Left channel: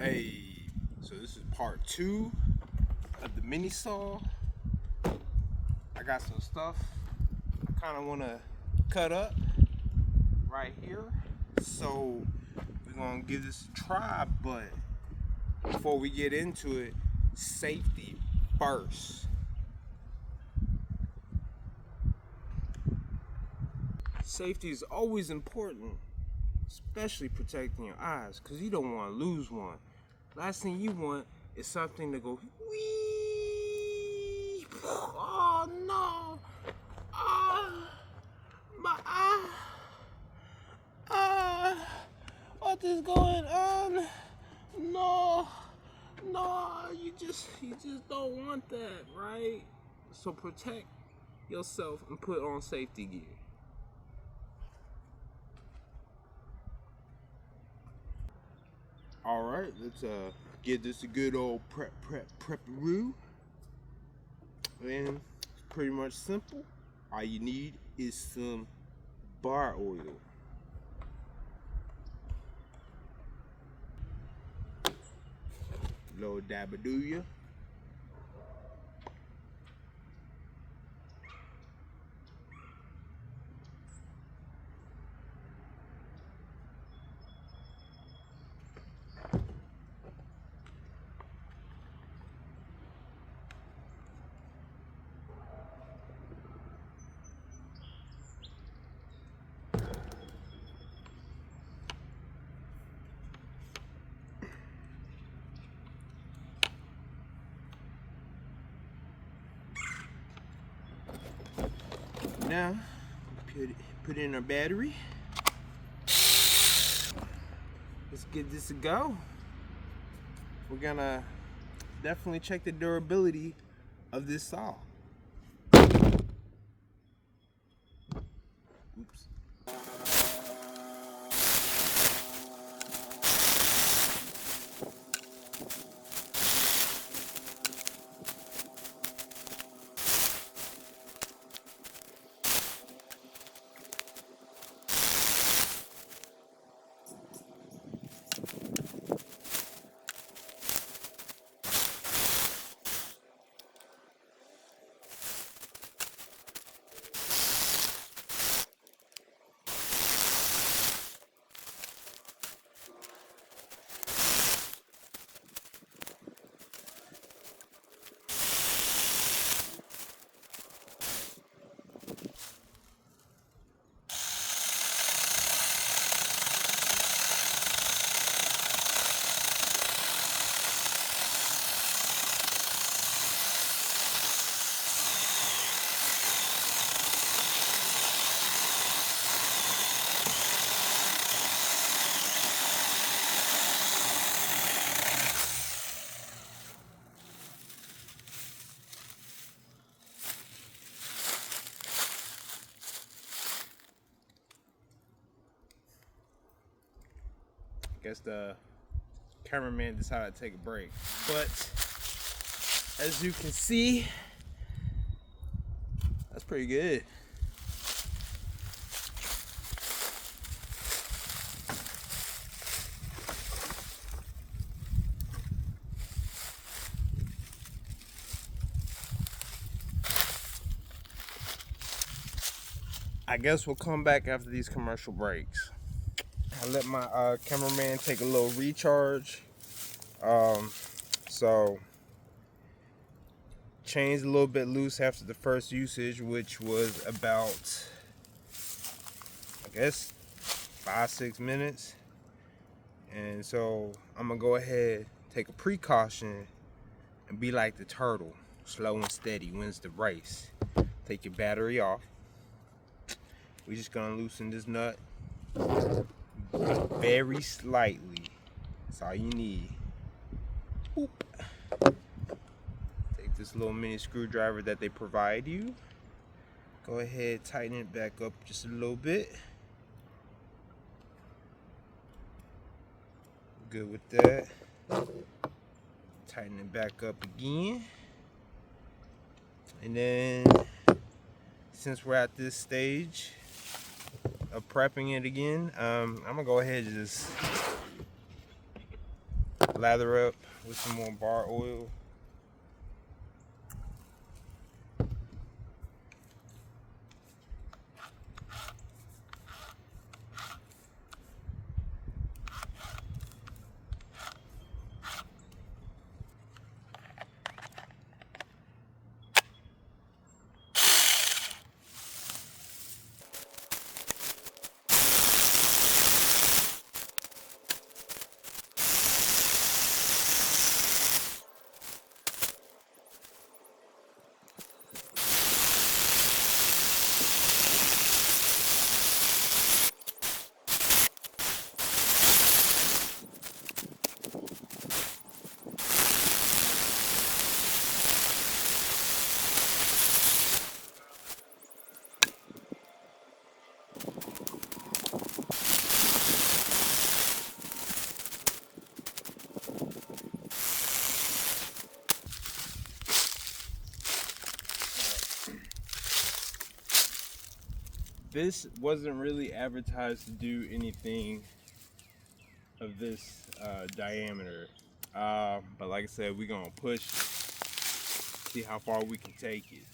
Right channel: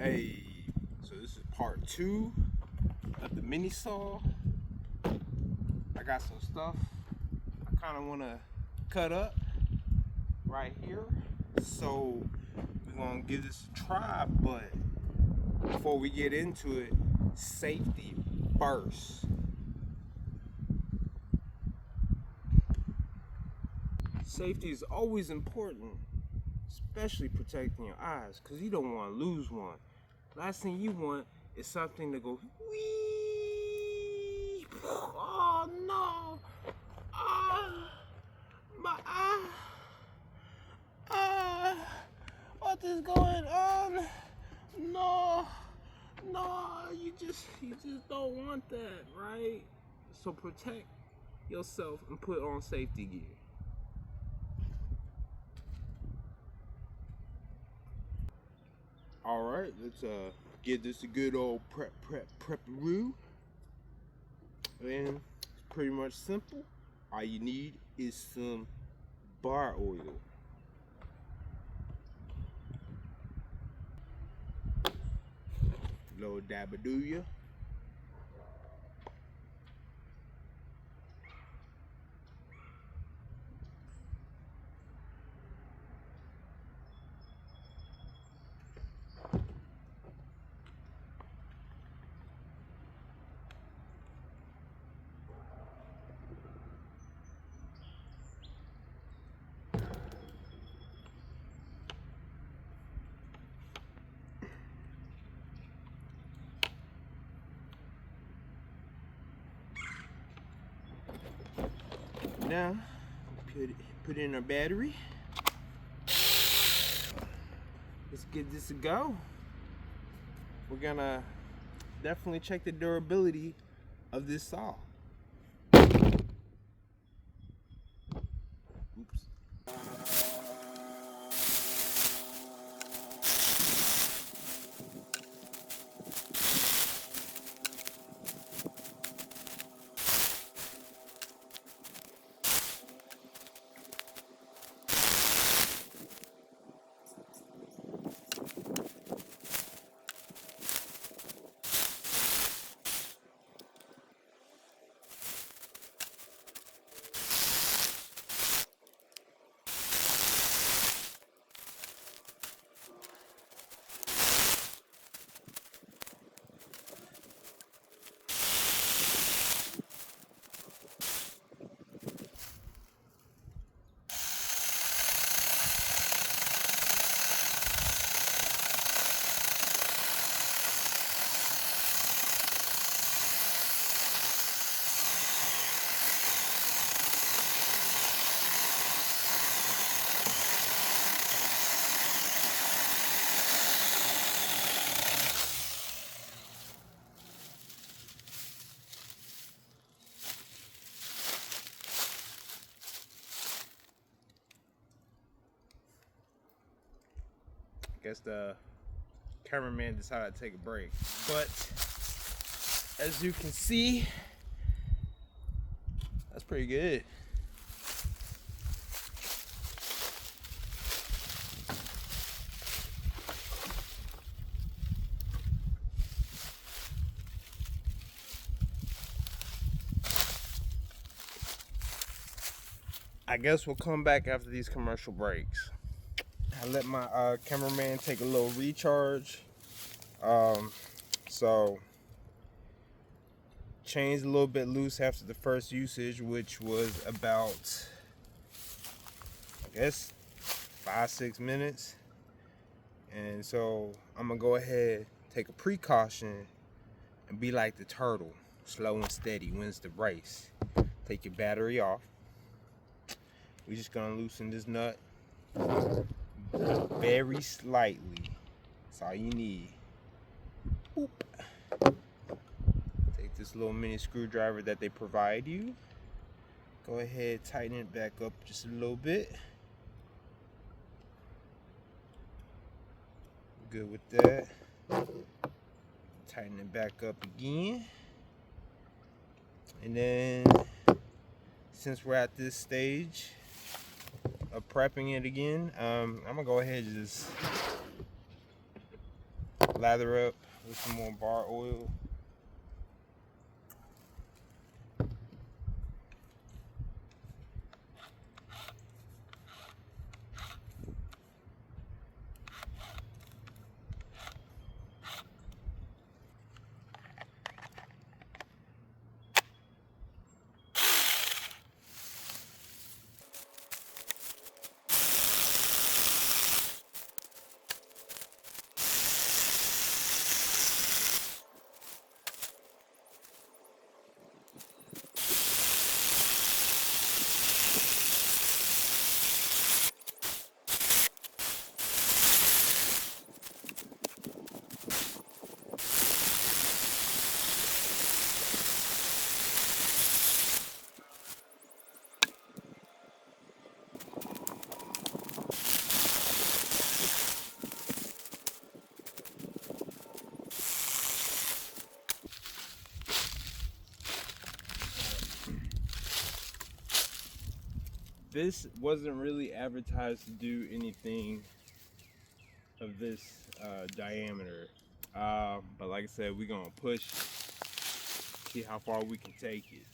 Hey, so this is part 2 of the mini saw. I got some stuff I kind of want to cut up right here. So we're going to give this a try, but before we get into it, safety first. Safety is always important, especially protecting your eyes, because you don't want to lose one. Last thing you want is something to go wee. Oh no! My eye. What is going on? No, you just don't want that, right? So protect yourself and put on safety gear. All right, let's give this a good old prep-a-roo. And it's pretty much simple. All you need is some bar oil. Little dabadooya. Now, put in our battery. Let's give this a go. We're gonna definitely check the durability of this saw. Oops. I guess the cameraman decided to take a break. But as you can see, that's pretty good. I guess we'll come back after these commercial breaks. I let my cameraman take a little recharge. So chain's a little bit loose after the first usage, which was about, I guess, 5-6 minutes. And so I'm gonna go ahead, take a precaution, and be like the turtle, slow and steady wins the race. Take your battery off. We're just gonna loosen this nut very slightly. That's all you need. Boop. Take this little mini screwdriver that they provide you. Go ahead, tighten it back up just a little bit. Good with that. Tighten it back up again. And then, since we're at this stage of prepping it again, I'm gonna go ahead and just lather up with some more bar oil. This wasn't really advertised to do anything of this diameter, but like I said, we're gonna push, see how far we can take it.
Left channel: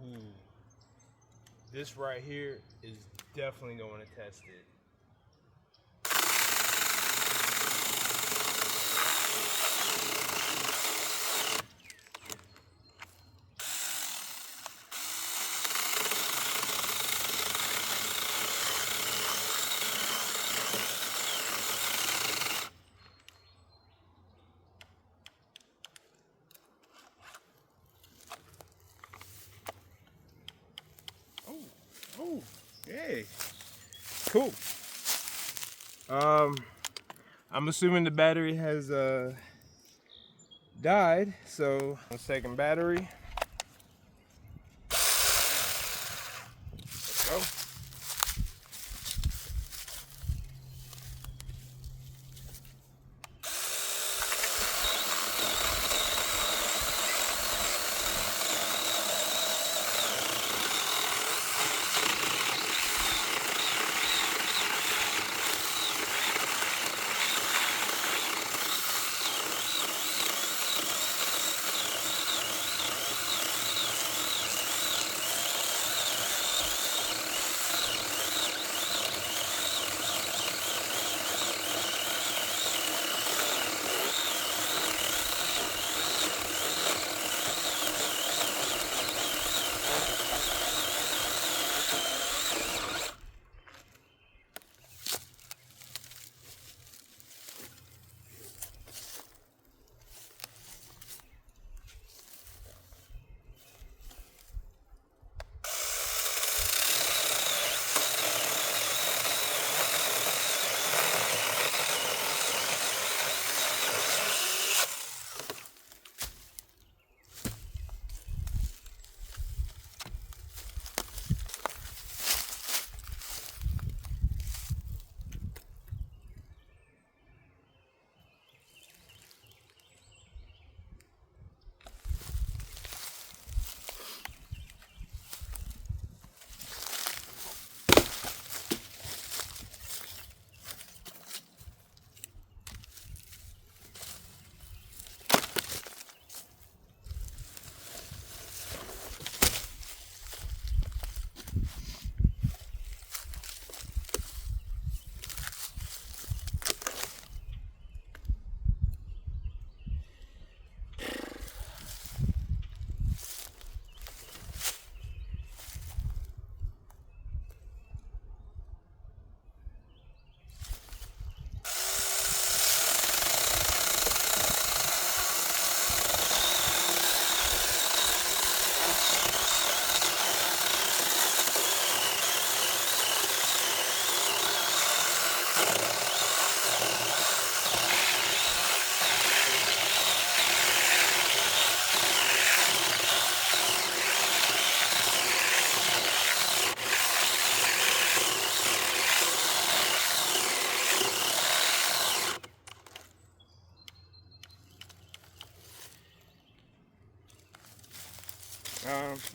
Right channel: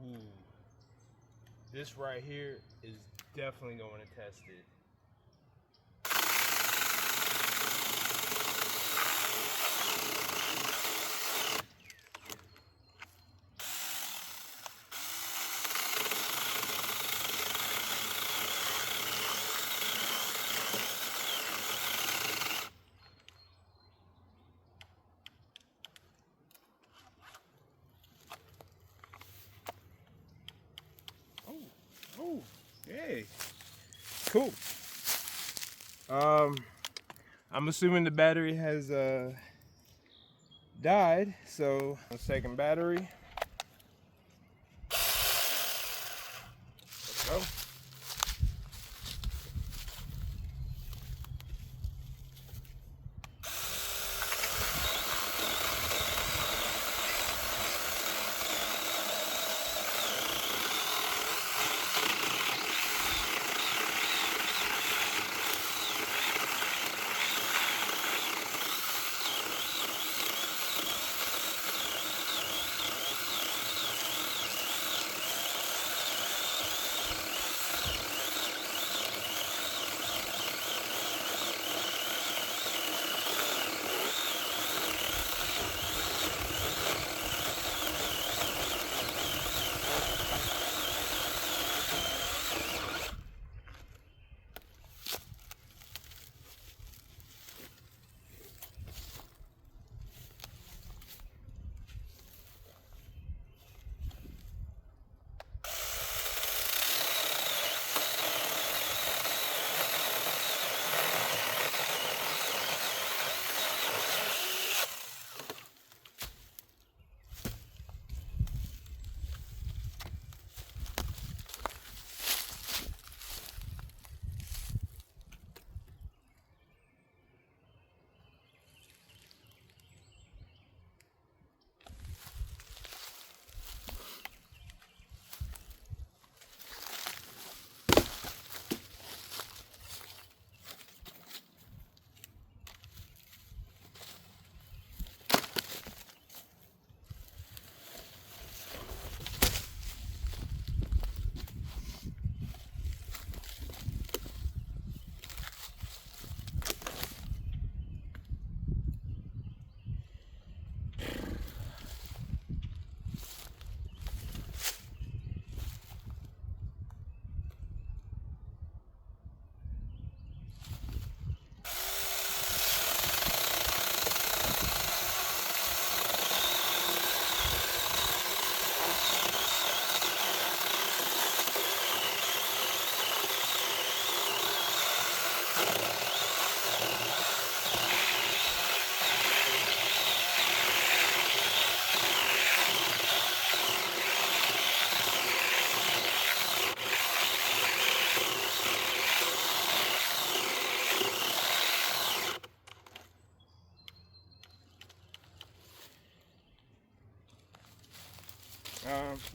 Ooh, this right here is definitely going to test it. Cool. I'm assuming the battery has died, so a second battery. Let's go.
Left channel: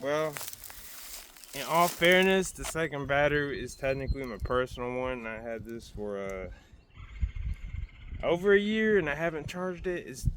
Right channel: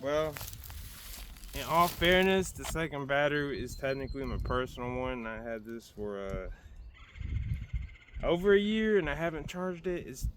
Well, in all fairness, the second battery is technically my personal one. I had this for over a year and I haven't charged it. It's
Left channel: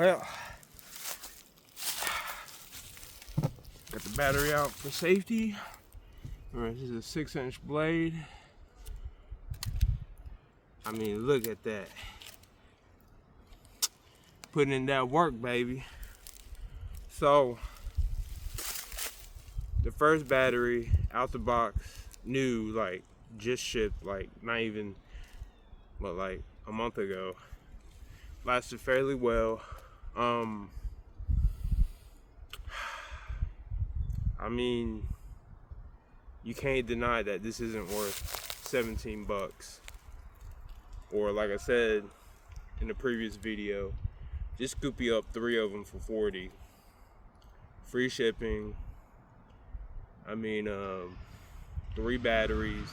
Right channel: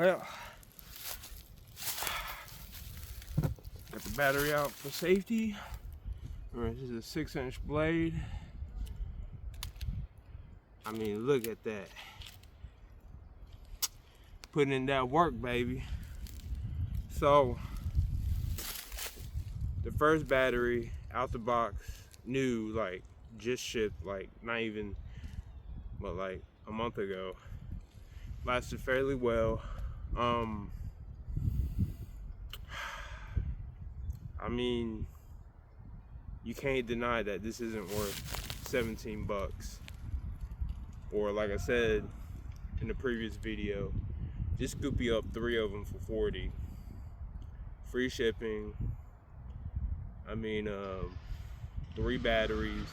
Well, got the battery out for safety. Alright, this is a 6-inch blade. I mean, look at that. Putting in that work, baby. So, the first battery out the box, new, like, just shipped, like, not even, but like a month ago. Lasted fairly well. I mean, you can't deny that this isn't worth 17 bucks. Or like I said in the previous video, just scoop you up 3 of them for 40. Free shipping. I mean, 3 batteries,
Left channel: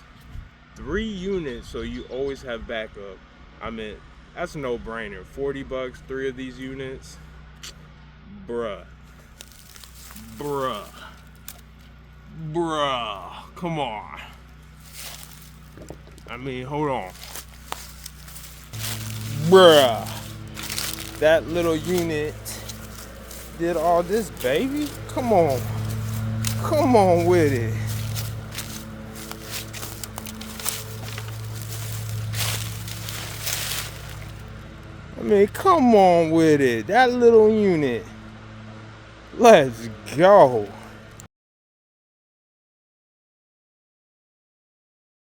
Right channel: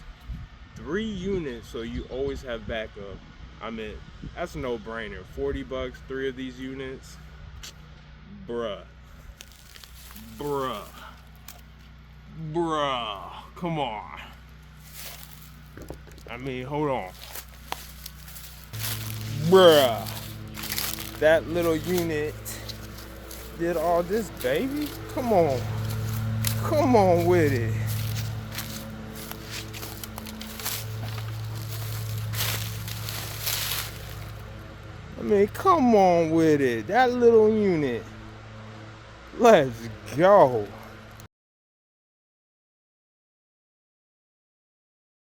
3 units, so you always have backup. I mean, that's a no-brainer. 40 bucks, 3 of these units. Bruh. Come on. I mean, hold on. Bruh. That little unit did all this, baby. Come on. Come on with it. I mean, come on with it. That little unit. Let's go.